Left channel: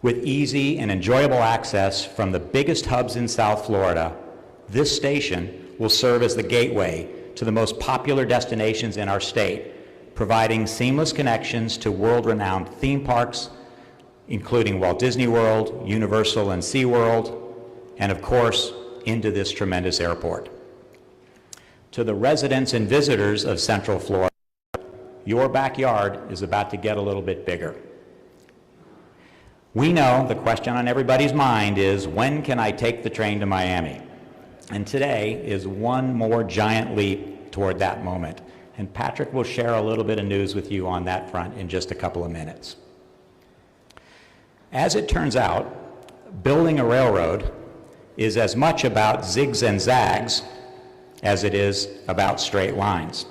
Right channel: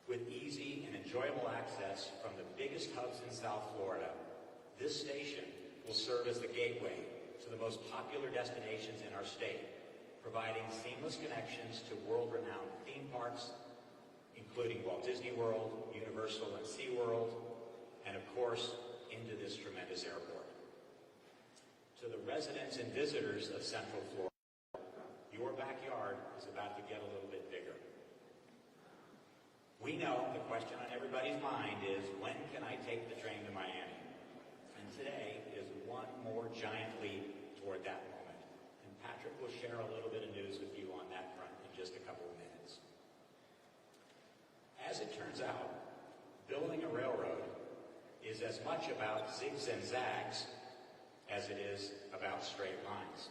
With easy and enjoyable access from the biggest hubs in South Florida, this station will serve as the gateway to the most popular destinations in our state, providing seamless connections to world-renowned theme parks, including Walt Disney World, Universal and SeaWorld, and of course, into this tremendous airport. To the residents and visitors of Central Florida, your backyard is about to get a little bit bigger. We know the question on everybody's mind is, when can I take the train to Miami? And today is one more giant leap toward that moment. And Patrick will share a little bit of news with you on that front in just a couple of minutes. As it turns out, building a railroad is as much about zigs and zags as it is about straight lines.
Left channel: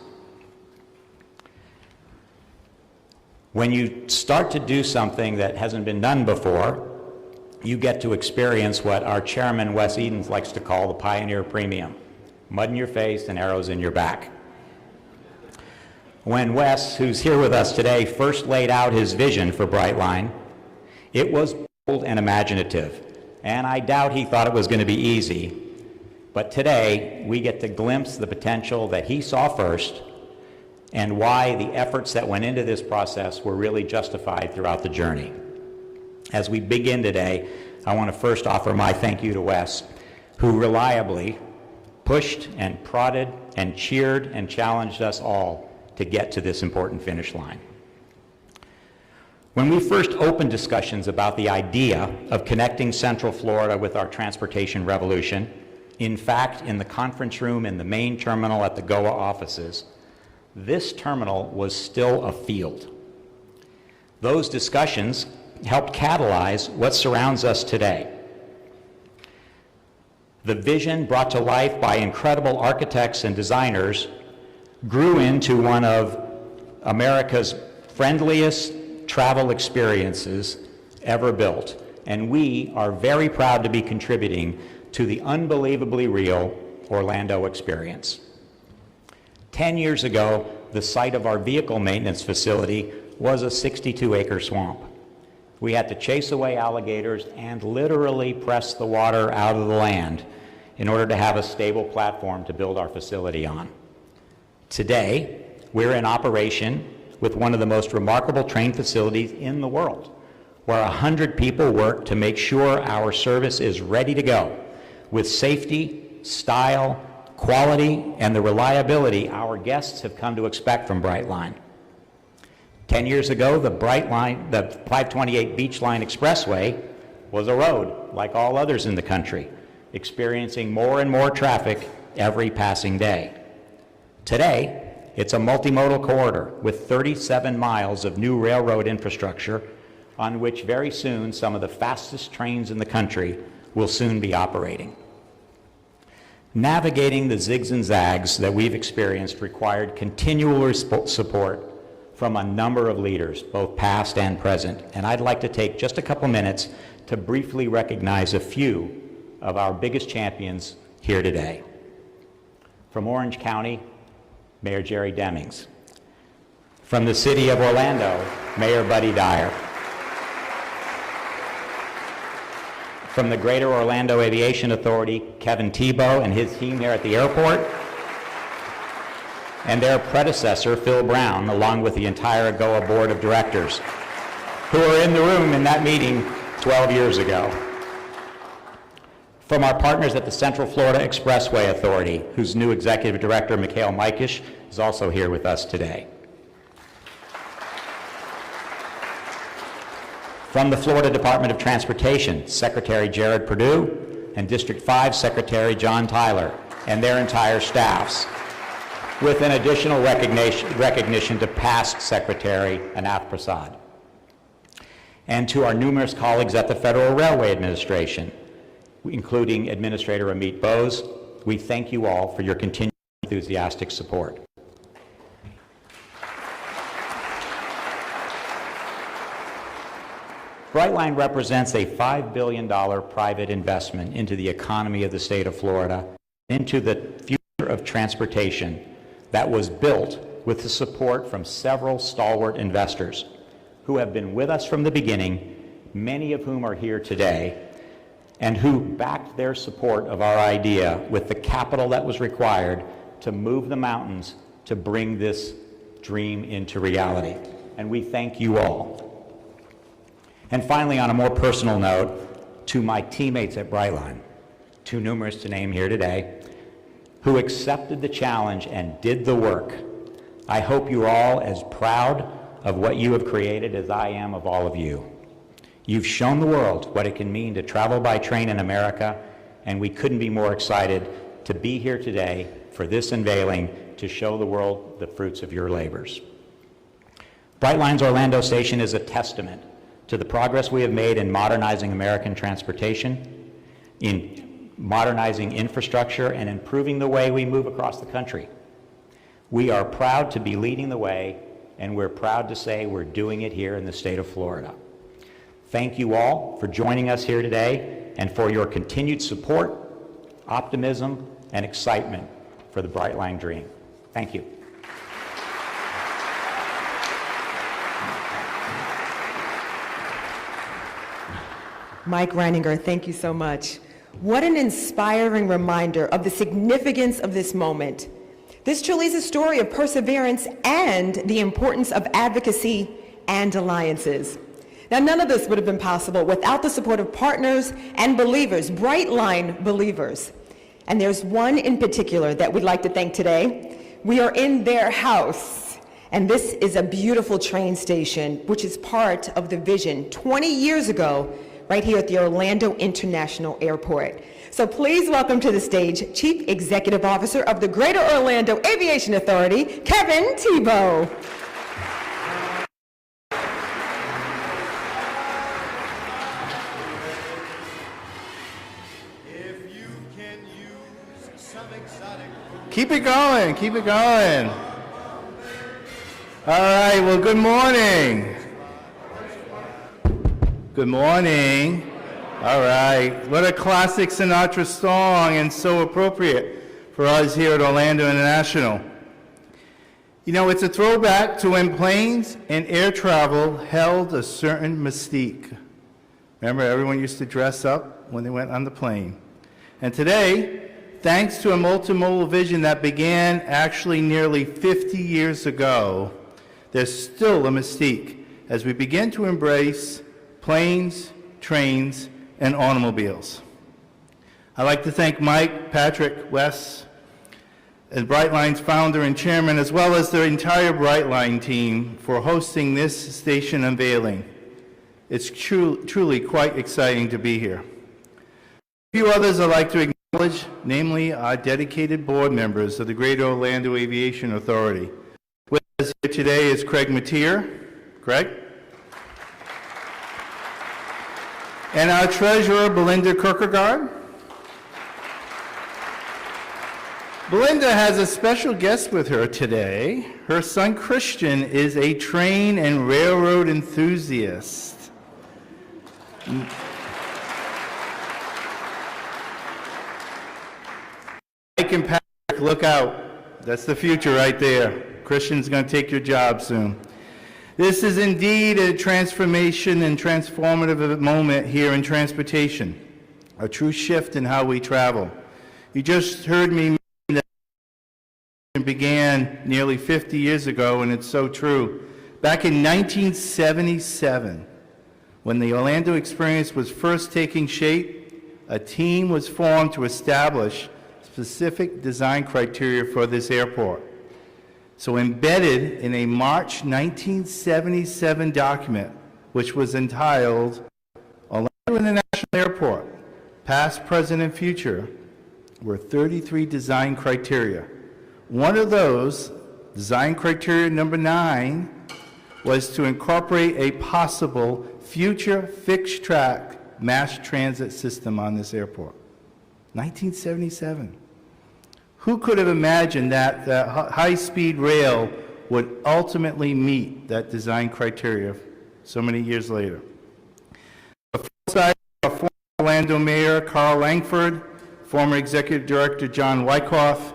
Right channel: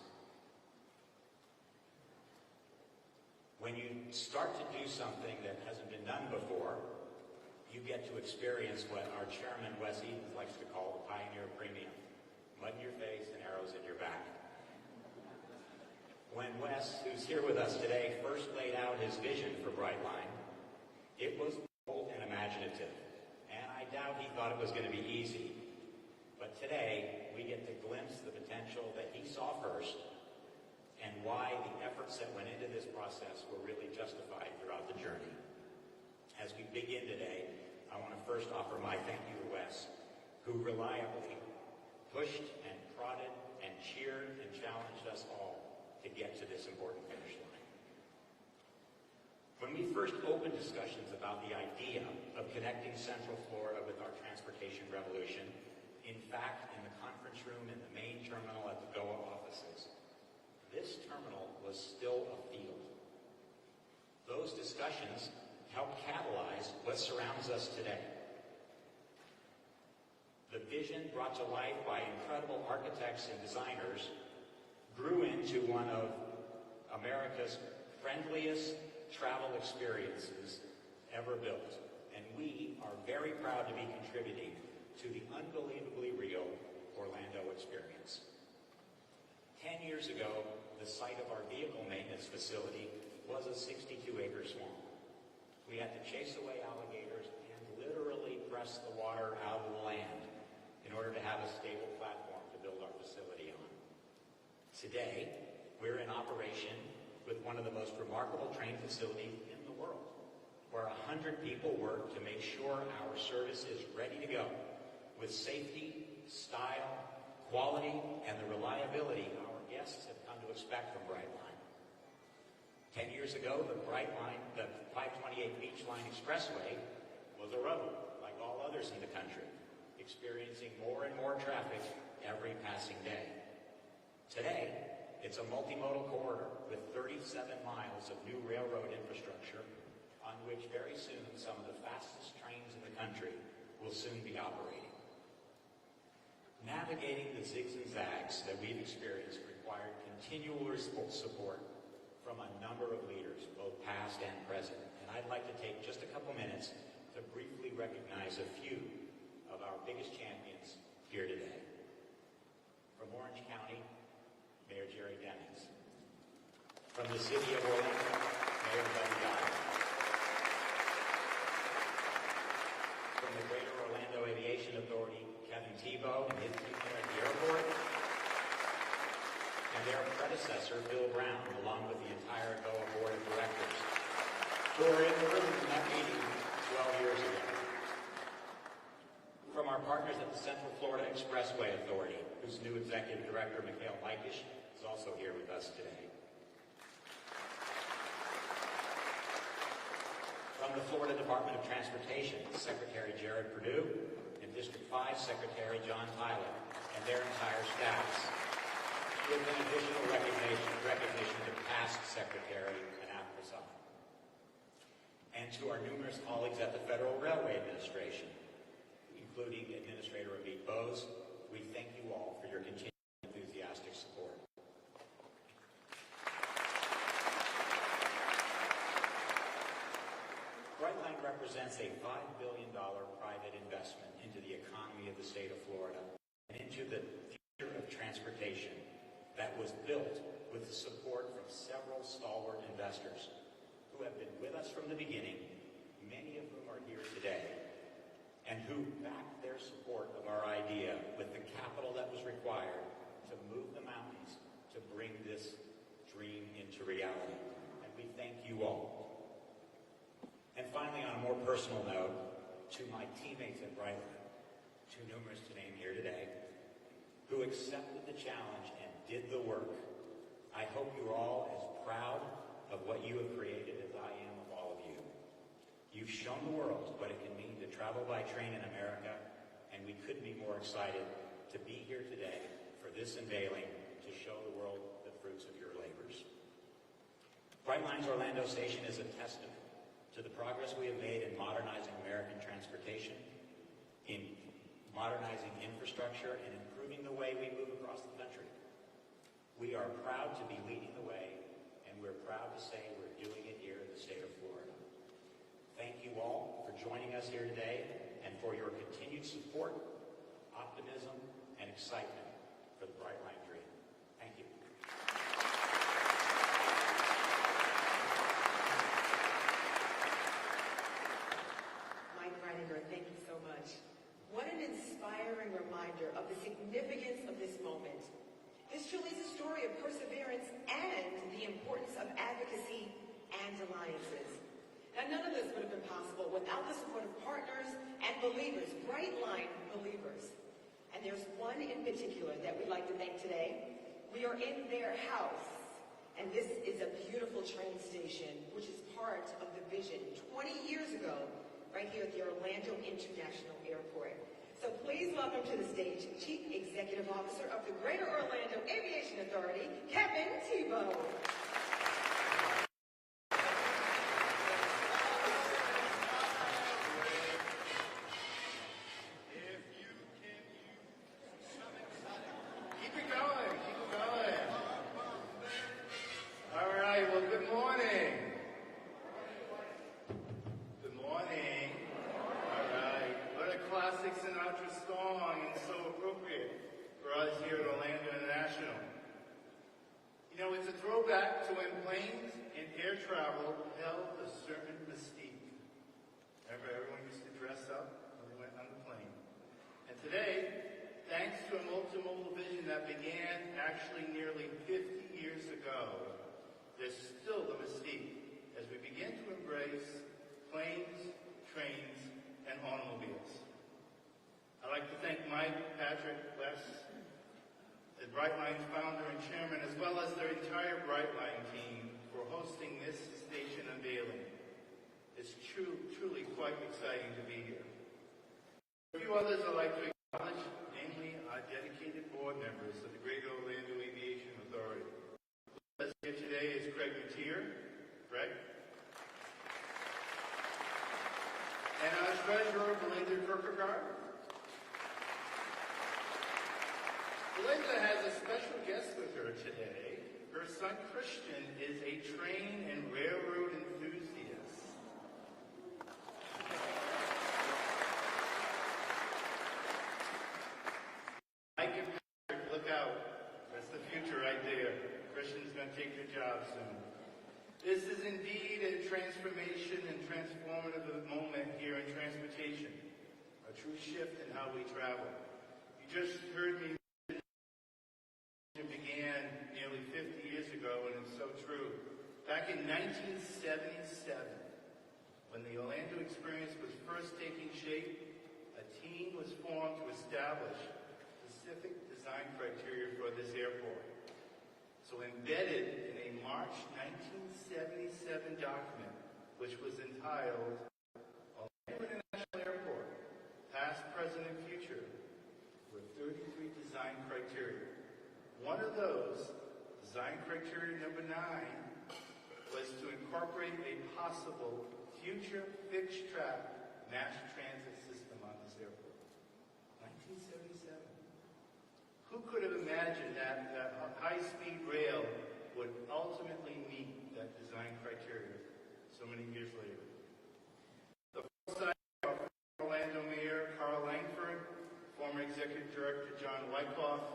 When you start to do something that hasn't been done before, you get to experience what our chairman, Wes Edens, likes to call the pioneer premium: mud in your face and arrows in your back. When Wes, who's here with us today, first laid out his vision for Brightline, it was bold and imaginative, and I doubt he thought it was going to be easy. But today, we get to glimpse the potential that he saw first and why the efforts that went into this process were really justified throughout the journey. As we begin today, I want to first offer my thank you to Wes, who reliably pushed and prodded and cheered and challenged us all to get to this important finish line. When we first opened discussions about the idea of connecting Central Florida with our transportation revolution, in fact, in the conference room in the main terminal at the GOA offices, this terminal was still a field. Those discussions helped catalyze what surrounds us today. The vision brought to life by incredible architects and designers grew into one of America's friendliest travel experiences ever built, and we are very proud to be contributing to the unbelievably real Orlando experience. 10 years ago, the site of our vehicle maintenance facility was a 62-acre swamp. We had to chase away alligators and literally press the water out of the land in order to have a stable platform to build our facility on. Today, we're in operation with one of the most remarkable train facilities in the world, where 100 people work to make sure our service is ready to go with safety, style, quality, and the reliability our guests have come to expect from Brightline. 10 years ago, the 528 Beach Line Expressway was a road like all others in the country, experiencing more and more traffic every passing day. Today, it's a multimodal corridor with 37 miles of new railroad infrastructure on which very soon some of the fastest trains in the country will soon be operating. Navigating the zigs and zags that we've experienced required continual support from a number of leaders, both past and present. And I'd like to take just a couple minutes to briefly recognize a few of our biggest champions here today. From Orange County, Mayor Jerry Demings. From the City of Orlando, Mayor Buddy Dyer. From the Greater Orlando Aviation Authority, Kevin Tebow and his team here at the airport, and their predecessor, Phil Brown, along with the entire GOA Board of Directors, who were in the room in that meeting 12 years ago. From our partners at the Central Florida Expressway Authority, whose new Executive Director, Mikhail Mikish, is also here with us today. From the Florida Department of Transportation, Secretary Jared Perdue and District 5 Secretary John Tyler and their entire staffs, with an additional recognition to past Secretary Anaf Prasad. And to our numerous colleagues at the Federal Railway Administration, including Administrator Amit Bose, we thank you all for your continued enthusiastic support. Brightline represents a $5 billion private investment into the economy of the state of Florida, into the future of transportation that was built with the support from several stalwart investors who have been with us from the beginning many of whom are here today, and who backed their support of our idea with the capital that was required to move the mountains to bring this dream into reality. And we thank you all. And finally, on a more personal note, to my teammates at Brightline, too numerous to name here today, who accepted the challenge and did the work. I hope you're all as proud of what you have created as I am of all of you. You've shown the world what it can mean to travel by train in America, and we couldn't be more excited to be here today for this unveiling to show the world the fruits of your labors. Brightline's Orlando Station is a testament to the progress we have made in modernizing American transportation, in modernizing infrastructure, and improving the way we move across the country. We are proud to be leading the way, and we're proud to say we're doing it here in the state of Florida. Thank you all for joining us here today and for your continued support, optimism, and excitement for the Brightline dream. Thank you. Mike Reininger, thank you so much. What an inspiring reminder of the significance of this moment. This truly is a story of perseverance and the importance of advocacy and alliances. Now, none of this would have been possible without the support of partners and believers, Brightline believers. And there's one in particular that we'd like to thank today. We are in their house, and this is a beautiful train station, which is part of the vision 20 years ago, right here at the Orlando International Airport. So please welcome to the stage Chief Executive Officer of the Greater Orlando Aviation Authority, Kevin Tebow. Keep it going, keep it going. All right, well, good morning. Good morning. All right, what a classic Sinatra song, and so appropriate for us here at Orlando International. You know, it's a throwback to when planes and air travel held a certain mystique. Remember, everyone used to dress up when they went on the plane. And today, thanks to a multimodal vision that began actually nearly 50 years ago, there's still a mystique as we begin to embrace planes, trains, and automobiles. I'd like to thank Mike, Patrick, Wes, and Brightline's founder and chairman, as well as the entire Brightline team for hosting this station unveiling. It's truly quite exciting to be here. A few others I'd like to acknowledge, namely our dedicated board members of the Greater Orlando Aviation Authority. With us here today is Craig Mateer. Craig? And our treasurer, Belinda Kierkegaard. Belinda has a special guest with her today. Her son, Christian, is a train and railroad enthusiast. Mike and Patrick, look out. That's the future right there. Christian's going to take your job soon. This is indeed a transformation and transformative moment here in transportation, a true shift in how we travel. You just heard me mention that began nearly 50 years ago, and it's so true. Back in 1977, when the Orlando experience was first taking shape, a team was formed to establish specific design criteria for this airport. So embedded in a March 1977 document, which was entitled Orlando International Airport, Past, Present, and Future, were 33 design criteria. One of those, design criteria number 9, was to incorporate a possible future fixed track mass transit system on this airport. 1977. Who could have imagined that high-speed rail would ultimately meet that design criteria so many years later? The foresight of former Orlando Mayor Carl Langford, former Executive Director John Wyckoff,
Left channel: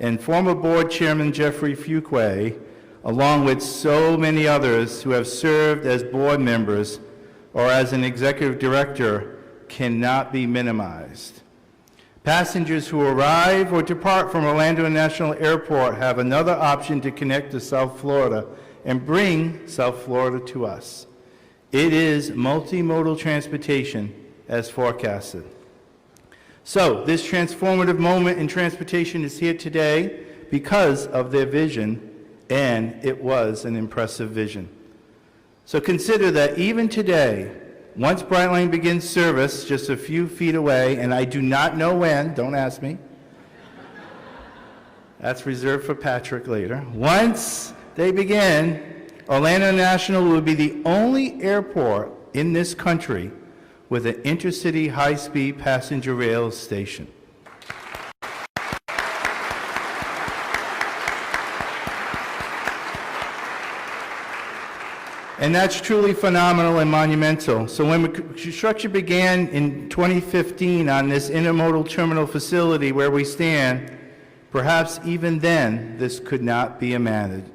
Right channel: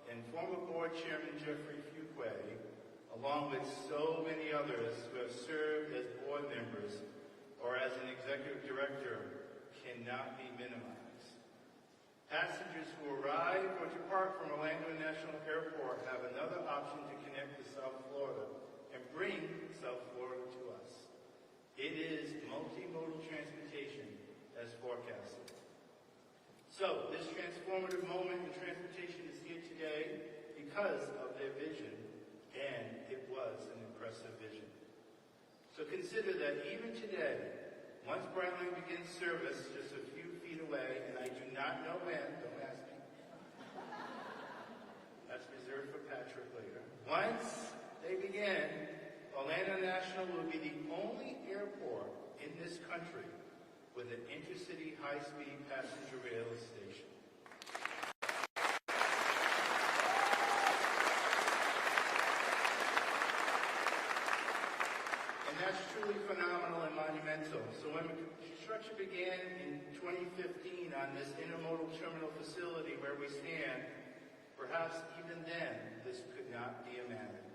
and former Board Chairman Jeffrey Fuqua, along with so many others who have served as board members, or as an executive director cannot be minimized. Passengers who arrive or depart from Orlando International Airport have another option to connect to South Florida and bring South Florida to us. It is multimodal transportation as forecasted. So, this transformative moment in transportation is here today because of their vision, and it was an impressive vision. So consider that even today, once Brightline begins service just a few feet away, and I do not know when, don't ask me. That's reserved for Patrick later. Once they begin, Orlando International will be the only airport in this country with an intercity high-speed passenger rail station. And that's truly phenomenal and monumental. So when construction began in 2015 on this intermodal terminal facility where we stand, perhaps even then this could not be imagined.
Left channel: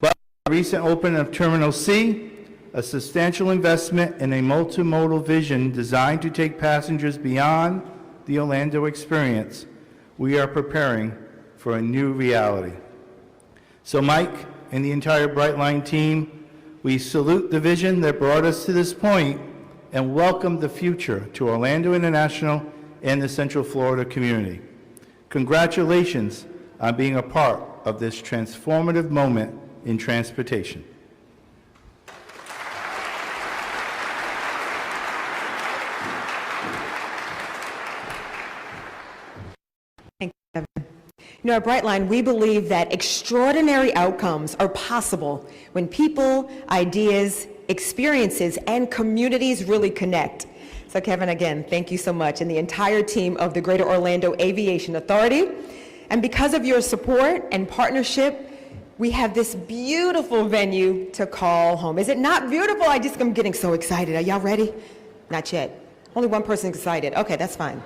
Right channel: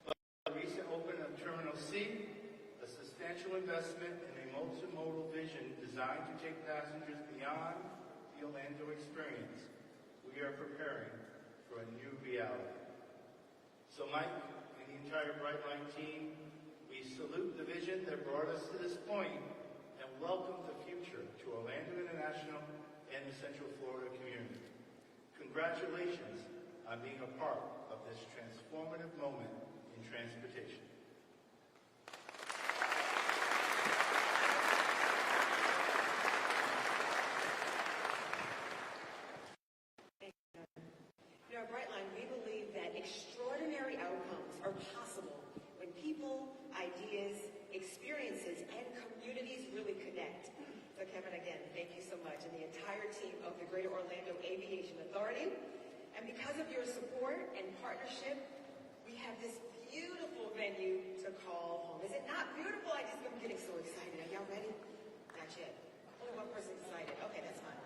But the recent opening of Terminal C, a substantial investment in a multimodal vision designed to take passengers beyond the Orlando experience, we are preparing for a new reality. So Mike and the entire Brightline team, we salute the vision that brought us to this point and welcome the future to Orlando International and the Central Florida community. Congratulations on being a part of this transformative moment in transportation. Thank you, Kevin. You know, at Brightline, we believe that extraordinary outcomes are possible when people, ideas, experiences, and communities really connect. So Kevin, again, thank you so much, and the entire team of the Greater Orlando Aviation Authority. And because of your support and partnership, we have this beautiful venue to call home. Is it not beautiful? I'm getting so excited. Are y'all ready? Not yet. Only one person excited. Okay, that's fine.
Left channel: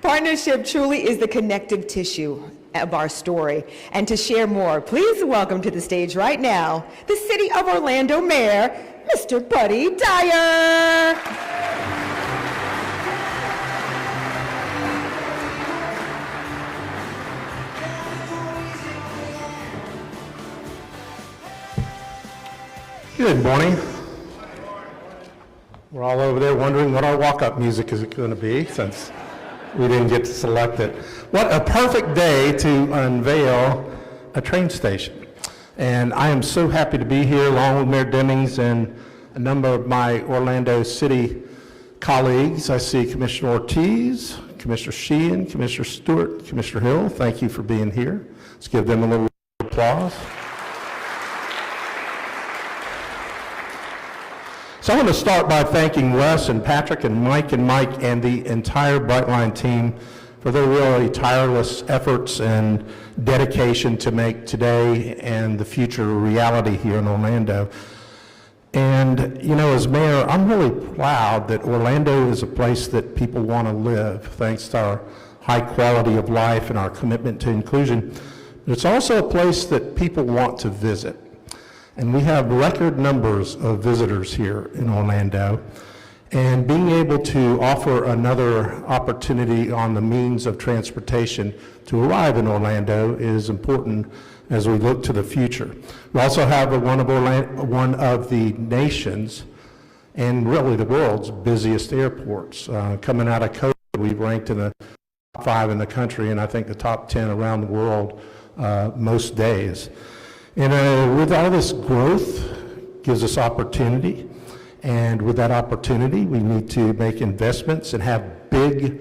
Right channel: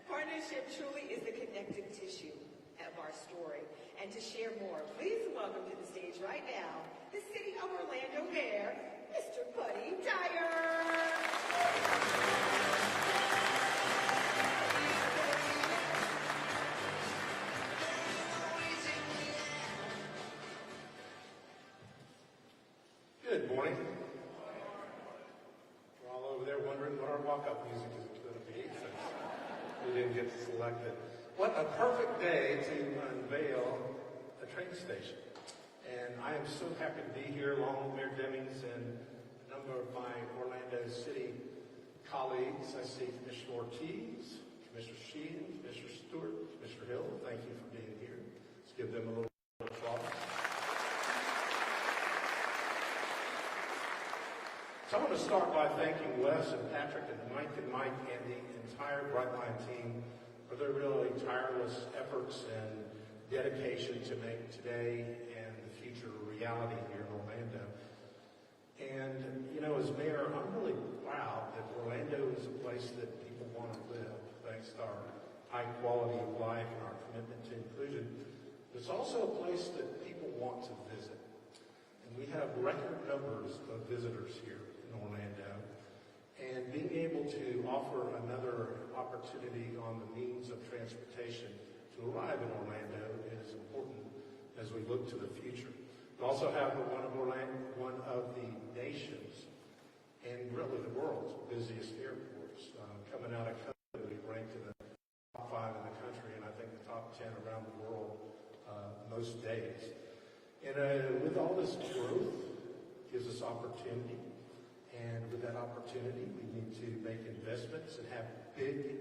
Partnership truly is the connective tissue of our story. And to share more, please welcome to the stage right now, the City of Orlando Mayor, Mr. Buddy Dyer. Good morning. We're all over there wondering what our walk-up music is going to be since we didn't get to select it. What a perfect day to unveil a train station. And I am so happy to be here along with Mayor Demings and a number of my Orlando City colleagues. I see Commissioner Ortiz, Commissioner Sheehan, Commissioner Stewart, Commissioner Hill. Thank you for being here. Let's give them a little applause. So I want to start by thanking Wes and Patrick and Mike and the entire Brightline team for their really tireless efforts and dedication to make today and the future a reality here in Orlando. And, you know, as mayor, I'm really proud that Orlando is a place that people want to live, thanks to our high quality of life and our commitment to inclusion. But it's also a place that people want to visit. And we have record numbers of visitors here in Orlando. And being able to offer another opportunity on the means of transportation to arrive in Orlando is important as we look to the future. We also have one of the nation's and really the world's busiest airports. Coming out of COVID, we've ranked in the top 5 in the country, and I think the top 10 around the world most days. And with all this growth gives us opportunity, and with that opportunity we need to make investments and have big,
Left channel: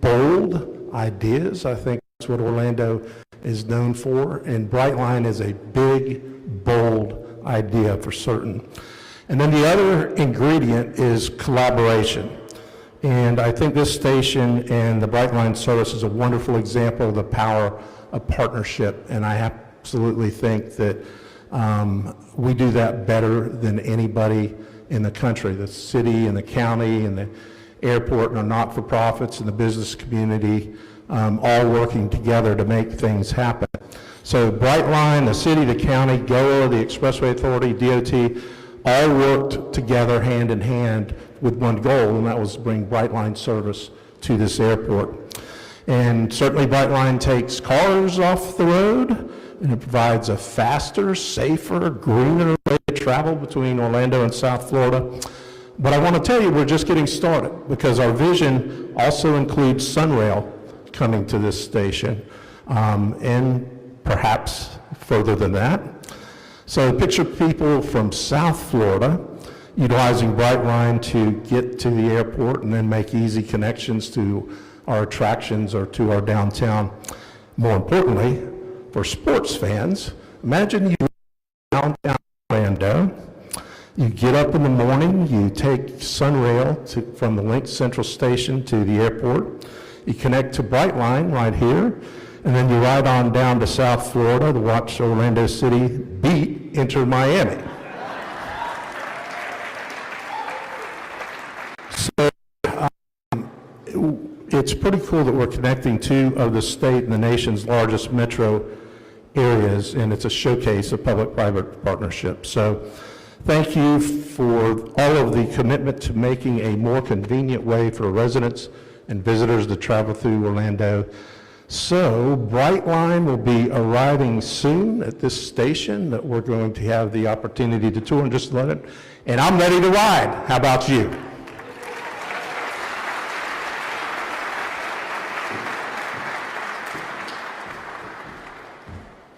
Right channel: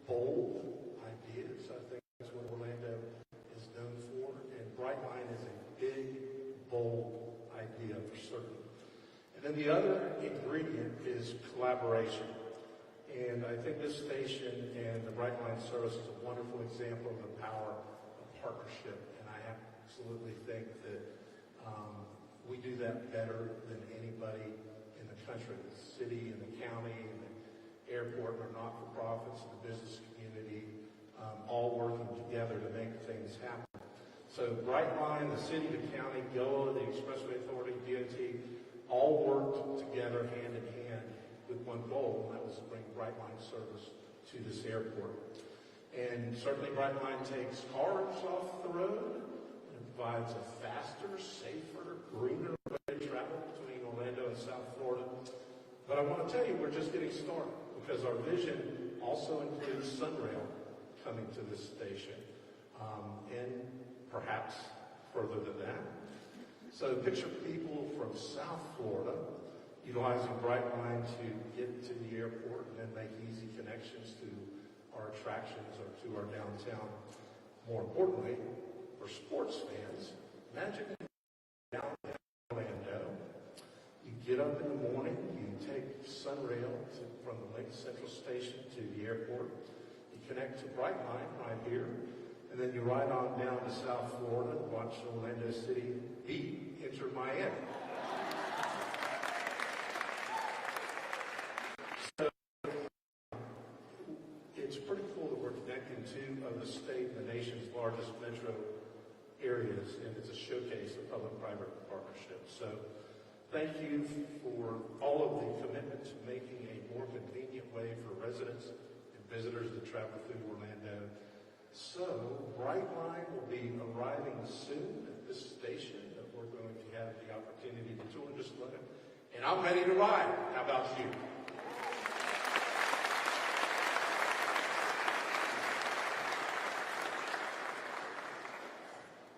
bold ideas. I think that's what Orlando is known for, and Brightline is a big, bold idea for certain. And then the other ingredient is collaboration. And I think this station and the Brightline service is a wonderful example of the power of partnership, and I absolutely think that we do that better than anybody in the country. The city and the county and the airport and our not-for-profits and the business community all working together to make things happen. So Brightline, the city, the county, GOA, the Expressway Authority, DOT, all worked together hand in hand with one goal, and that was to bring Brightline service to this airport. And certainly Brightline takes cars off the road, and it provides a faster, safer, greener way to travel between Orlando and South Florida. But I want to tell you, we're just getting started, because our vision also includes Sunrail coming to this station, and perhaps further than that. So picture people from South Florida utilizing Brightline to get to the airport and then make easy connections to our attractions or to our downtown. More importantly, for sports fans, imagine you downtown Orlando, you get up in the morning, you take Sunrail from the Link Central Station to the airport, you connect to Brightline right here, and then you ride on down to South Florida to watch Orlando City beat Inter Miami. So it's pretty cool that we're connecting two of the state and the nation's largest metro areas, and it's a showcase of public-private partnership. So thank you for all of the commitment to making a more convenient way for residents and visitors to travel through Orlando. So Brightline will be arriving soon at this station that we're going to have the opportunity to tour in just a minute, and I'm ready to ride. How about you?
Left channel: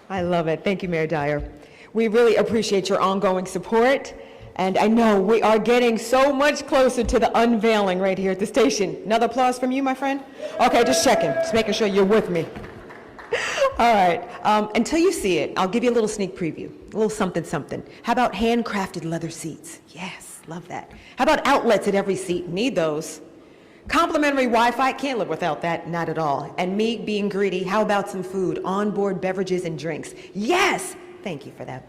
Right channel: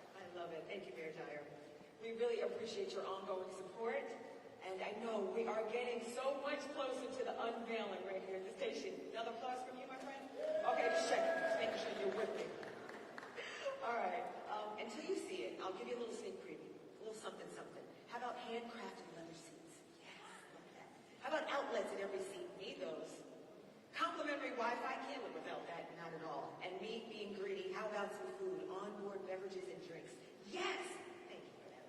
I love it. Thank you, Mayor Dyer. We really appreciate your ongoing support, and I know we are getting so much closer to the unveiling right here at the station. Another applause from you, my friend? Okay, just checking, just making sure you're with me. All right, until you see it, I'll give you a little sneak preview, a little something something. How about handcrafted leather seats? Yes, love that. How about outlets at every seat? Need those. Complimentary Wi-Fi, can't live without that, not at all. And me being greedy, how about some food, onboard beverages and drinks? Yes, thank you for that.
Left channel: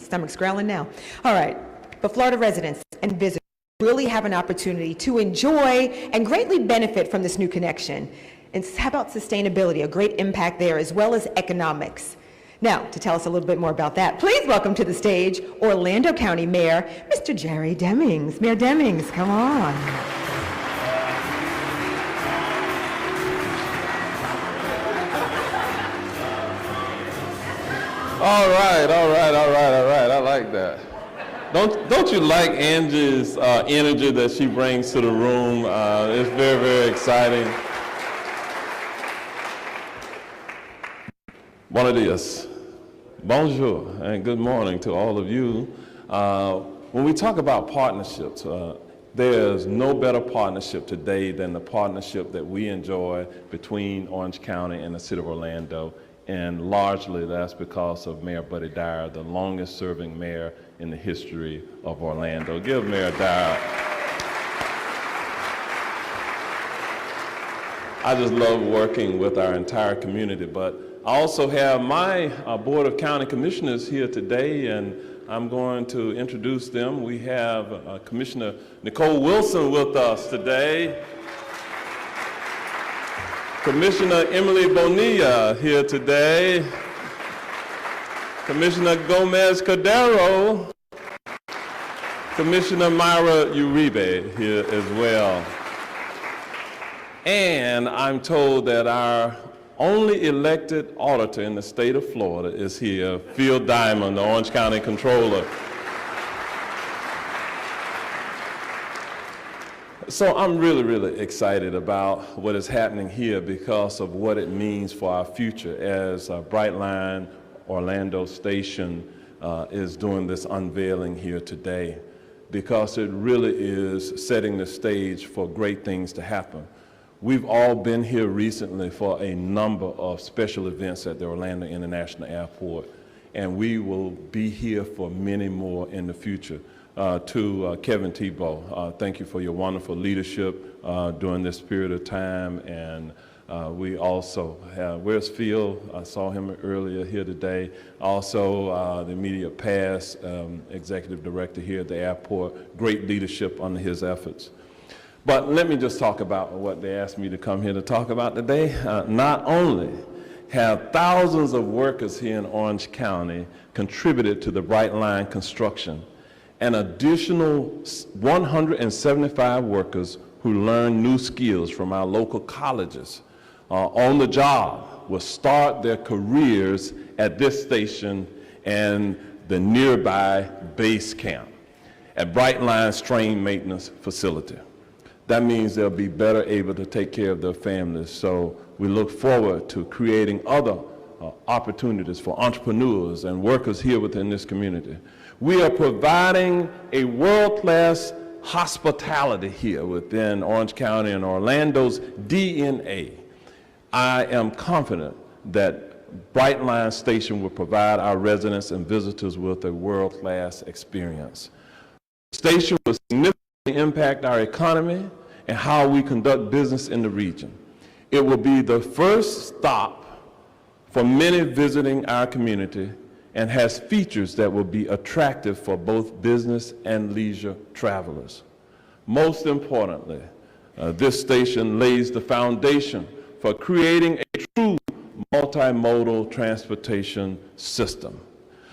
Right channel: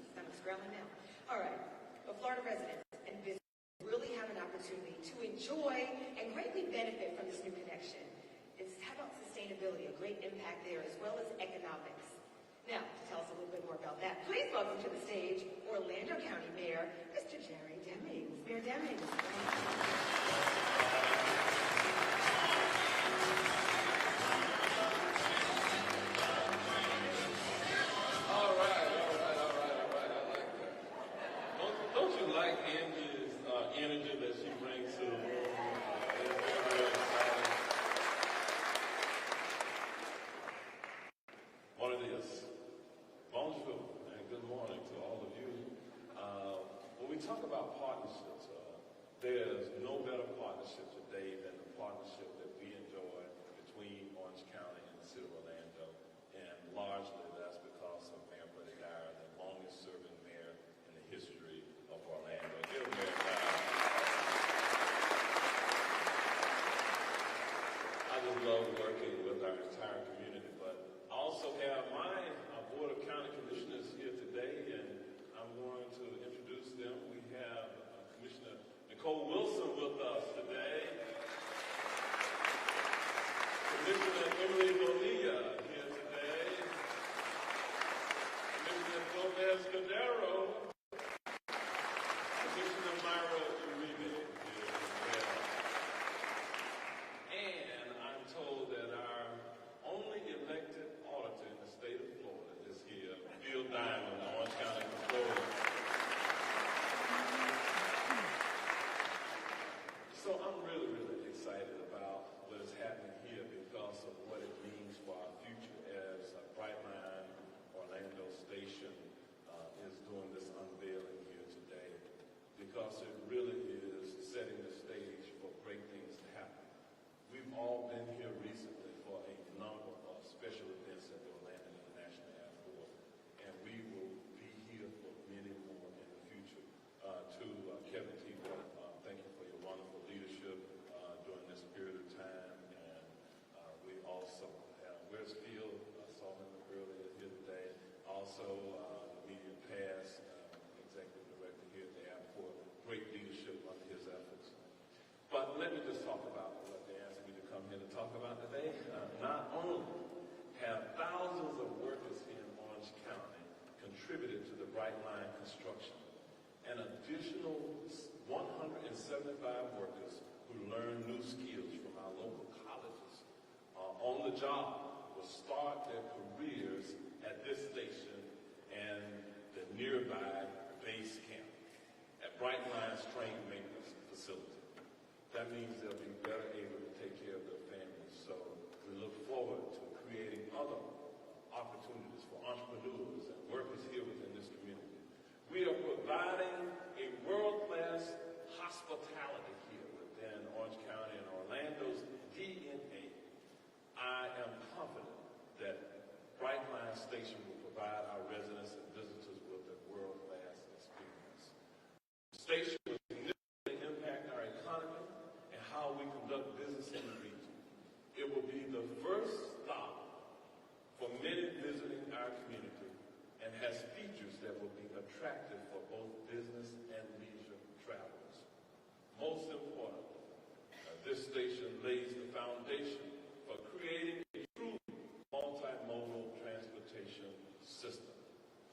Stomach's growling now. All right, but Florida residents and visitors really have an opportunity to enjoy and greatly benefit from this new connection. And how about sustainability, a great impact there, as well as economics. Now, to tell us a little bit more about that, please welcome to the stage Orlando County Mayor, Mr. Jerry Demings. Mayor Demings, come on. All right. I like that. Don't you like Angie's energy that she brings to the room? It's very, very exciting. Buenos dias, bonjour, and good morning to all of you. When we talk about partnerships, there's no better partnership today than the partnership that we enjoy between Orange County and the City of Orlando. And largely that's because of Mayor Buddy Dyer, the longest serving mayor in the history of Orlando. Give Mayor Dyer. I just love working with our entire community, but I also have my Board of County Commissioners here today, and I'm going to introduce them. We have Commissioner Nicole Wilson with us today. Commissioner Emily Bonilla here today. Commissioner Gomez Cordero. Commissioner Myra Uribe here as well. And I'm told that our only elected auditor in the state of Florida is here, Phil Diamond, the Orange County Controller. So I'm really, really excited about what is happening here because of what it means for our future as Brightline Orlando Station is doing this unveiling here today, because it really is setting the stage for great things to happen. We've all been here recently for a number of special events at the Orlando International Airport, and we will be here for many more in the future. To Kevin Tebow, thank you for your wonderful leadership during this period of time. And we also have, where's Phil? I saw him earlier here today. Also, the immediate past executive director here at the airport, great leadership under his efforts. But let me just talk about what they asked me to come here to talk about today. Not only have thousands of workers here in Orange County contributed to the Brightline construction. An additional 175 workers who learn new skills from our local colleges on the job will start their careers at this station and the nearby base camp at Brightline's train maintenance facility. That means they'll be better able to take care of their families. So we look forward to creating other opportunities for entrepreneurs and workers here within this community. We are providing a world-class hospitality here within Orange County and Orlando's DNA. I am confident that Brightline Station will provide our residents and visitors with a world-class experience. The station will significantly impact our economy and how we conduct business in the region. It will be the first stop for many visiting our community and has features that will be attractive for both business and leisure travelers. Most importantly, this station lays the foundation for creating a true multimodal transportation system.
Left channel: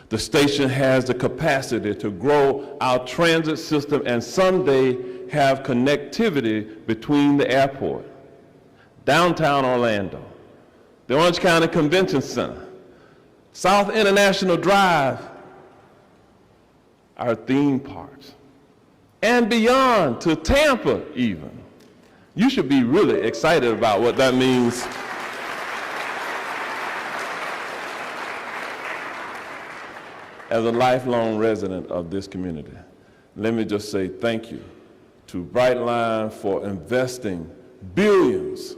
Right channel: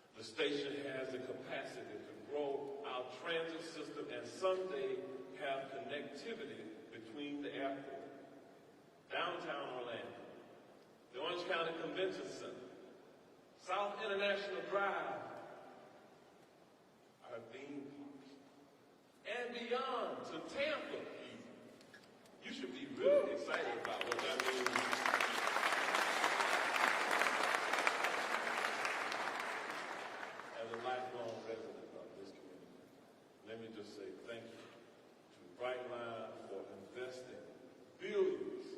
The station has the capacity to grow our transit system and someday have connectivity between the airport, downtown Orlando, the Orange County Convention Center, South International Drive, our theme parks, and beyond to Tampa even. You should be really excited about what that means. As a lifelong resident of this community, let me just say thank you to Brightline for investing billions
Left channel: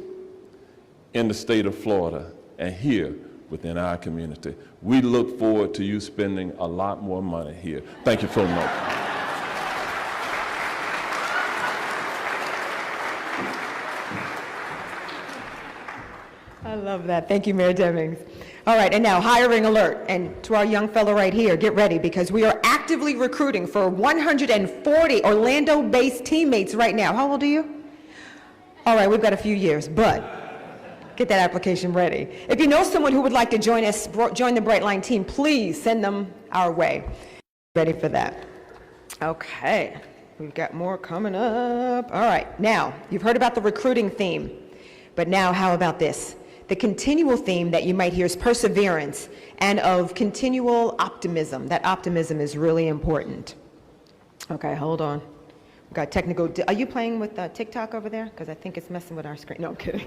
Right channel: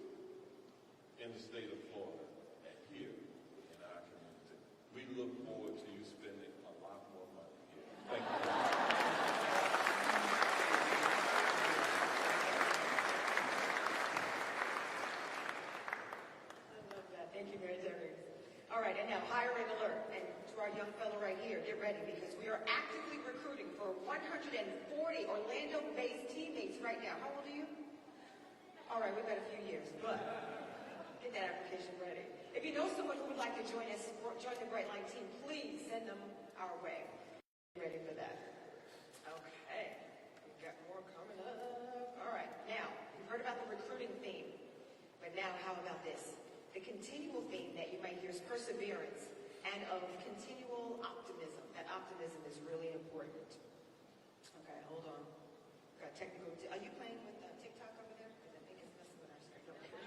in the state of Florida and here within our community. We look forward to you spending a lot more money here. Thank you so much. I love that. Thank you, Mayor Demings. All right, and now hiring alert. And to our young fellow right here, get ready because we are actively recruiting for 140 Orlando-based teammates right now. How old are you? All right, we've got a few years, but get that application ready. If you know someone who would like to join us, join the Brightline team, please send them our way. Ready for that. Okay, we've got more coming up. All right, now, you've heard about the recruiting theme, but now how about this? The continual theme that you might hear is perseverance and of continual optimism. That optimism is really important. Okay, hold on. We've got technical, are you playing with TikTok over there? Because I think it's messing with our screen. No, I'm kidding.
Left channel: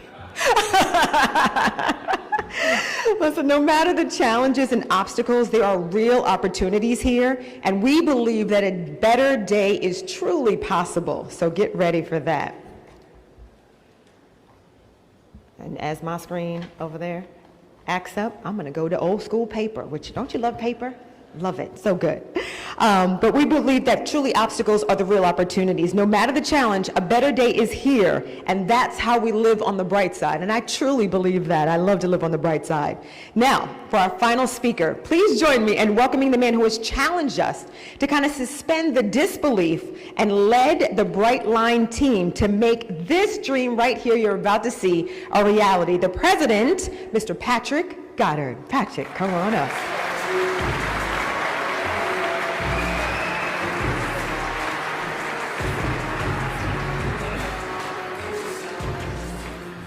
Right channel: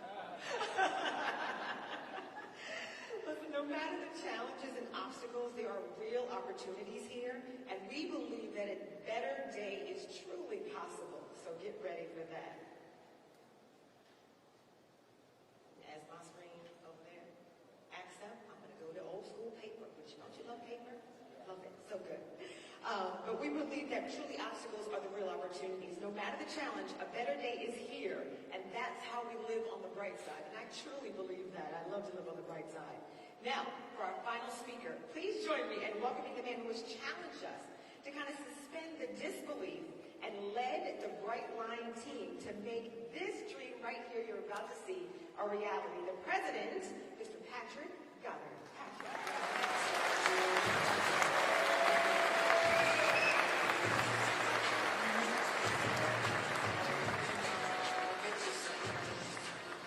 Listen, no matter the challenges and obstacles, there are real opportunities here, and we believe that a better day is truly possible. So get ready for that. And as my screen over there acts up, I'm going to go to old school paper, which, don't you love paper? Love it, so good. But we believe that truly obstacles are the real opportunities. No matter the challenge, a better day is here, and that's how we live on the bright side. And I truly believe that. I love to live on the bright side. Now, for our final speaker, please join me in welcoming the man who has challenged us to kind of suspend the disbelief and led the Brightline team to make this dream right here you're about to see a reality. The president, Mr. Patrick Goddard. Patrick, come on up.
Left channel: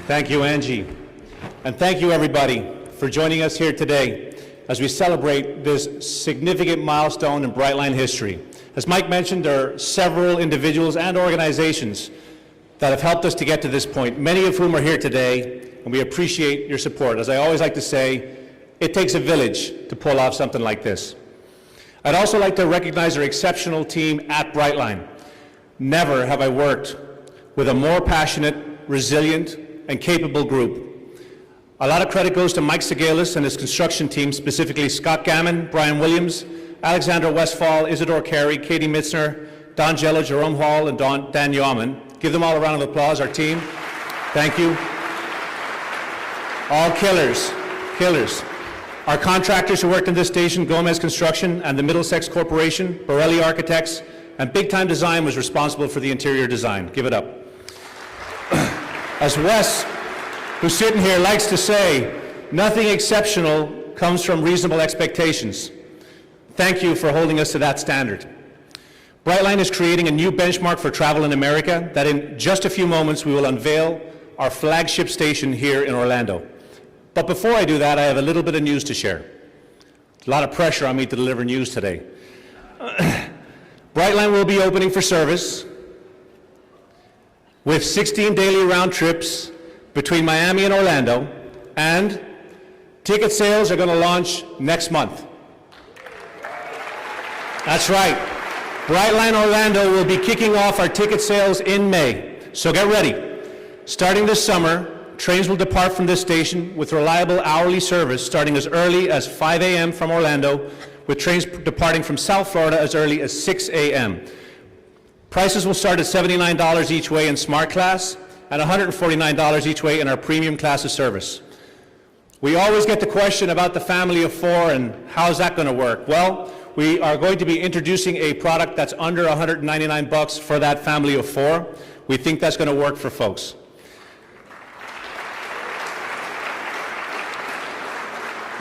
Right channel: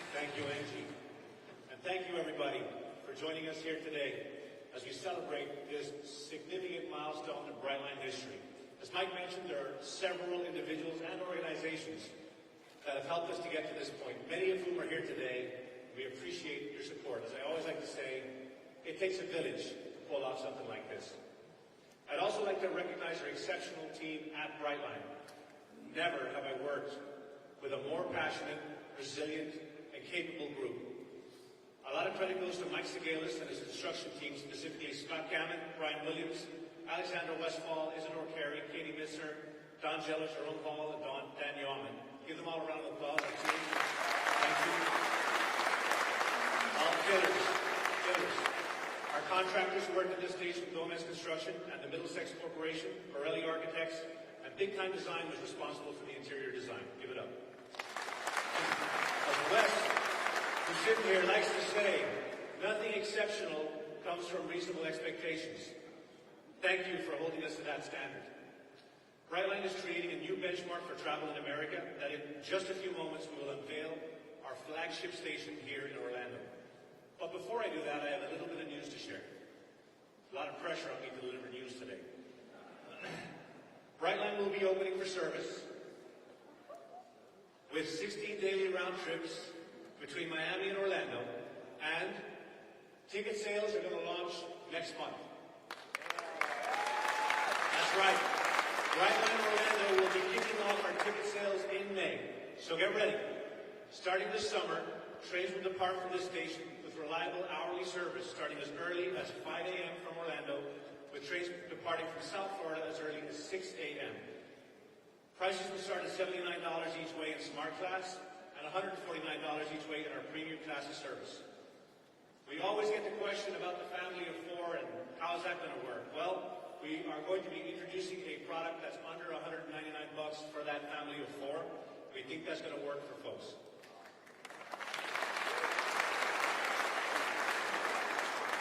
Thank you, Angie. And thank you, everybody, for joining us here today as we celebrate this significant milestone in Brightline history. As Mike mentioned, there are several individuals and organizations that have helped us to get to this point, many of whom are here today, and we appreciate your support. As I always like to say, it takes a village to pull off something like this. I'd also like to recognize our exceptional team at Brightline. Never have I worked with a more passionate, resilient, and capable group. A lot of credit goes to Mike Segalis and his construction team, specifically Scott Gammon, Brian Williams, Alexandra Westfall, Isidore Carey, Katie Mitzner, Don Jello, Jerome Hall, and Dan Yeoman. Give them all a round of applause, our team. Thank you. All killers, killers. Our contractors who worked in this station, Gomez Construction and the Middlesex Corporation, Borelli Architects, and Big Time Design was responsible for the interior design. Give it up. As Wes, who's sitting here, likes to say, nothing exceptional comes from reasonable expectations. Thank you for holding us to that standard. Brightline is creating a new benchmark for travel in America that in just a few moments we will unveil our flagship station here in Orlando. But before I do that, I have a little bit of news to share. A lot of pressure on me to deliver news today. Brightline will be opening for service with 16 daily round trips between Miami and Orlando, and ticket sales are going to launch next month. That's right. Brightline Orlando will be kicking off our ticket sales in May, so get ready. Starting this summer, trains will depart from this station with reliable hourly service starting as early as 5 a.m. from Orlando, with trains departing from South Florida as early as 6 a.m. Prices will start at $79 each way in Smart Class and $149 each way in our Premium Class of service. We always get the question about the family of four and how's that going to work? Well, we are going to be introducing a product that's under $199 for that family of four. We think that's going to work for folks.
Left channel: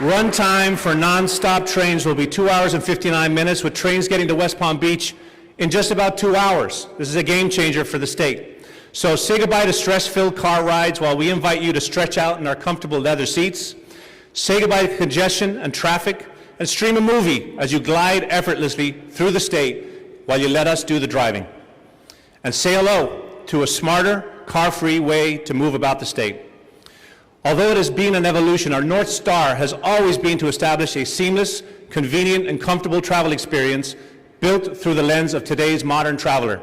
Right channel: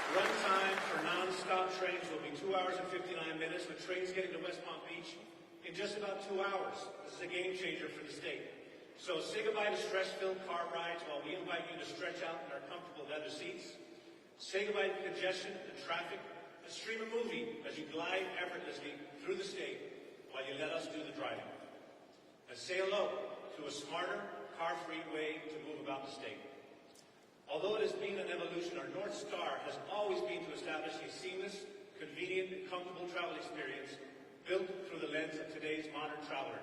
Run time for non-stop trains will be 2 hours and 59 minutes, with trains getting to West Palm Beach in just about 2 hours. This is a game changer for the state. So say goodbye to stress-filled car rides while we invite you to stretch out in our comfortable leather seats. Say goodbye to congestion and traffic, and stream a movie as you glide effortlessly through the state while you let us do the driving. And say hello to a smarter, car-free way to move about the state. Although it has been an evolution, our North Star has always been to establish a seamless, convenient, and comfortable travel experience built through the lens of today's modern traveler.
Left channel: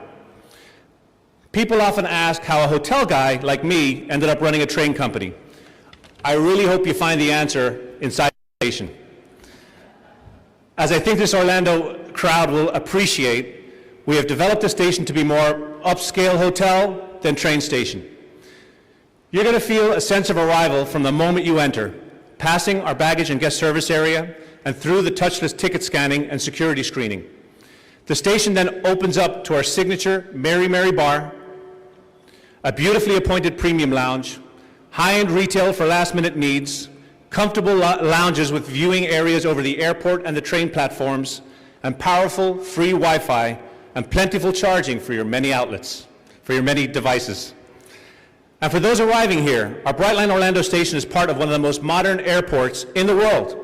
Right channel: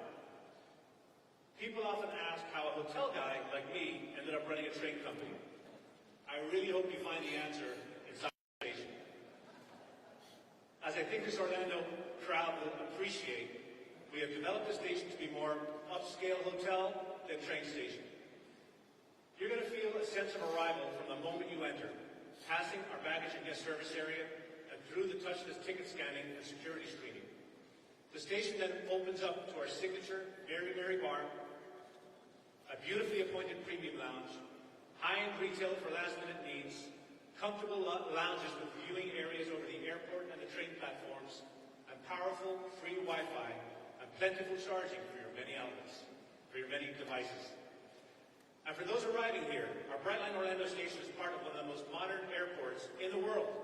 People often ask how a hotel guy like me ended up running a train company. I really hope you find the answer inside the station. As I think this Orlando crowd will appreciate, we have developed the station to be more upscale hotel than train station. You're going to feel a sense of arrival from the moment you enter, passing our baggage and guest service area and through the touchless ticket scanning and security screening. The station then opens up to our signature Mary Mary Bar, a beautifully appointed premium lounge, high-end retail for last-minute needs, comfortable lounges with viewing areas over the airport and the train platforms, and powerful free Wi-Fi and plentiful charging for your many outlets, for your many devices. And for those arriving here, our Brightline Orlando station is part of one of the most modern airports in the world,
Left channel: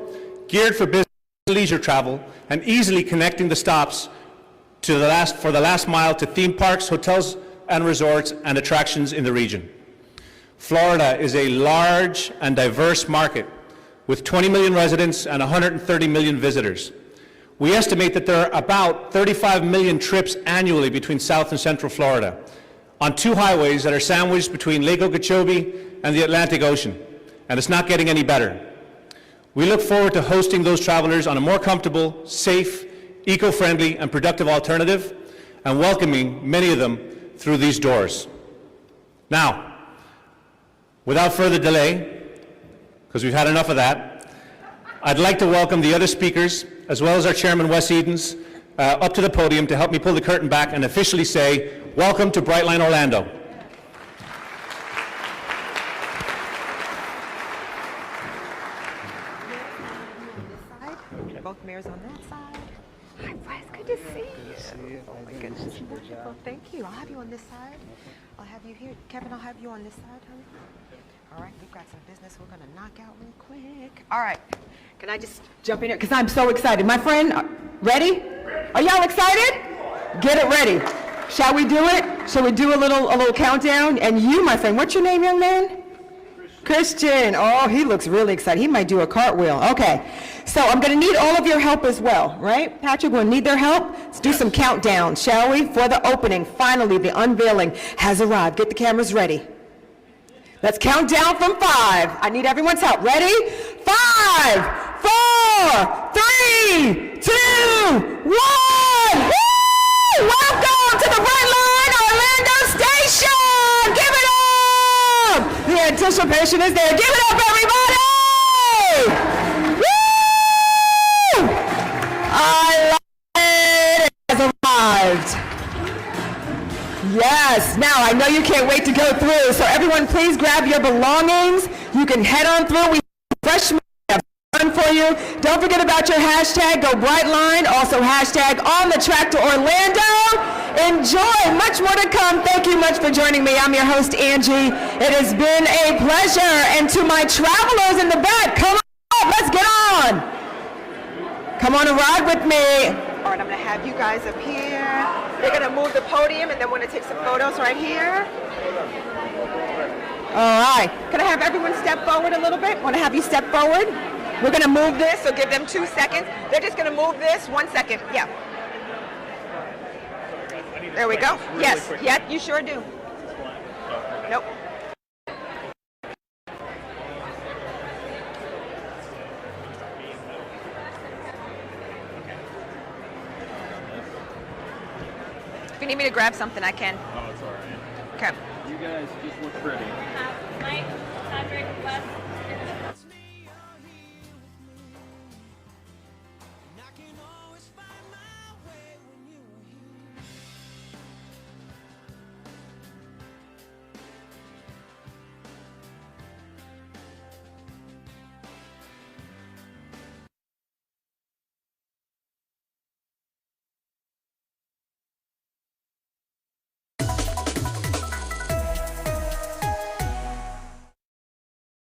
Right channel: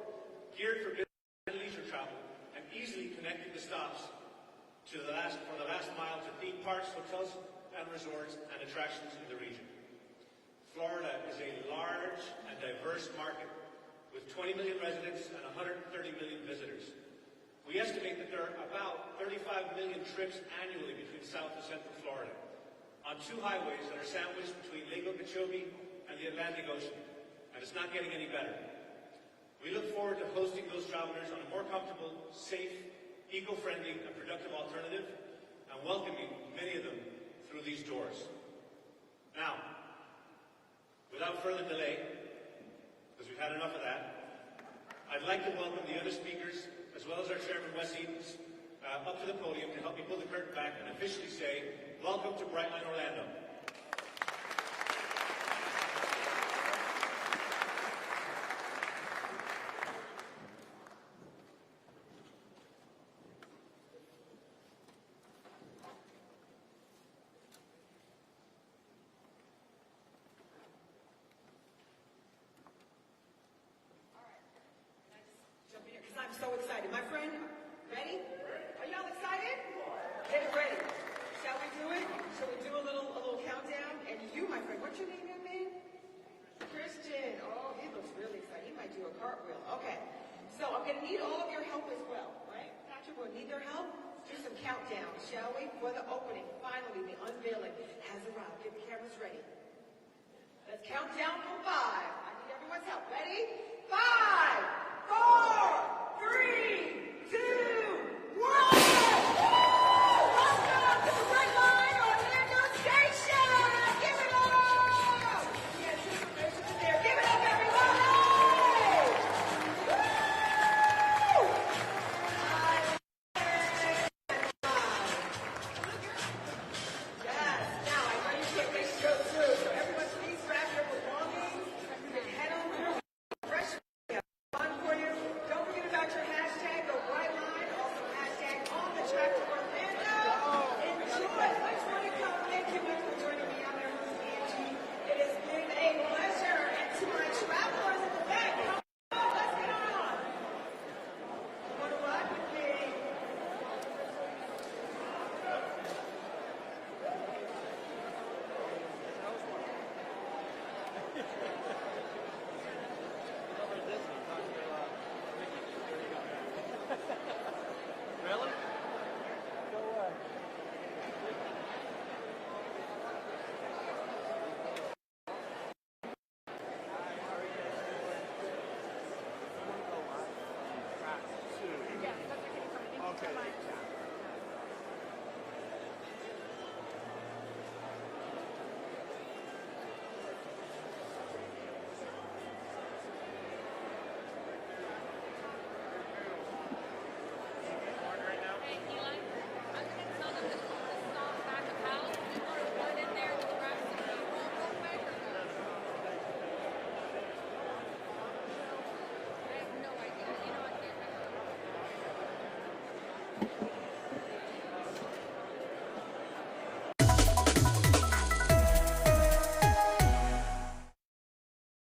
geared for business and leisure travel, and easily connecting the stops for the last mile to theme parks, hotels and resorts, and attractions in the region. Florida is a large and diverse market with 20 million residents and 130 million visitors. We estimate that there are about 35 million trips annually between South and Central Florida on two highways that are sandwiched between Lake Okeechobee and the Atlantic Ocean, and it's not getting any better. We look forward to hosting those travelers on a more comfortable, safe, eco-friendly, and productive alternative, and welcoming many of them through these doors. Now, without further delay, because we've had enough of that, I'd like to welcome the other speakers, as well as our chairman, Wes Edens, up to the podium to help me pull the curtain back and officially say, welcome to Brightline Orlando. Both mayors on that side. Hi, Bryce, good to see you. Oh my goodness, wonderful. Thank you. I'll have you on this side. I'll have you here. Kevin, I'll have you on this side, honey. All right, we've got some business we're going to knock out real quick. All right, can I just jump in here? Because I'm so excited. My friend, ready? Are y'all excited? Get it ready. Shall we do it? Shall we do a little countdown? And you, my friend, what's your name, young man? Christian. Oh, he looks really excited. He might do a cartwheel. Okay. So I'm going to need all of your help as well, right? Patrick, we'll need their help. Let's do some countdown, shall we? For the opening. Finally, the unveiling has arrived. Get the cameras ready. Let's count down from 5. I need everyone's help. Ready? 5, 4, 3, 2, 1. Woo! Welcome to the Brightline Orlando Station! Give it up! The anticipation is there. Give it up, everybody! Woo! I love it. It has arrived. Yes. Now, I know you can't wait to go through, so everyone please grab your belongings. You can head on through. We have refreshments, we have fun for you. Don't forget about your hashtag, Go Brightline, also hashtag On the Track to Orlando. Enjoy, much more to come. Thank you much for joining me. I'm your host, Angie. It has been a pleasure. And to my travelers in the back, come on, let's get on. Come on and ride with me. All right, I'm gonna have you guys up here. They're gonna move the podium and then we're gonna take some photos right here. All right, can I have everyone step forward a little bit? Wanna have you step forward? We're gonna move this, so give them 2 seconds. They're just gonna move this, 1 second, yeah. There we go. Yes, yeah, you sure do. Nope. If you need me to grab something, I can. Oh, it's all right. Okay. You guys just look pretty. Mike, Patrick, Wes,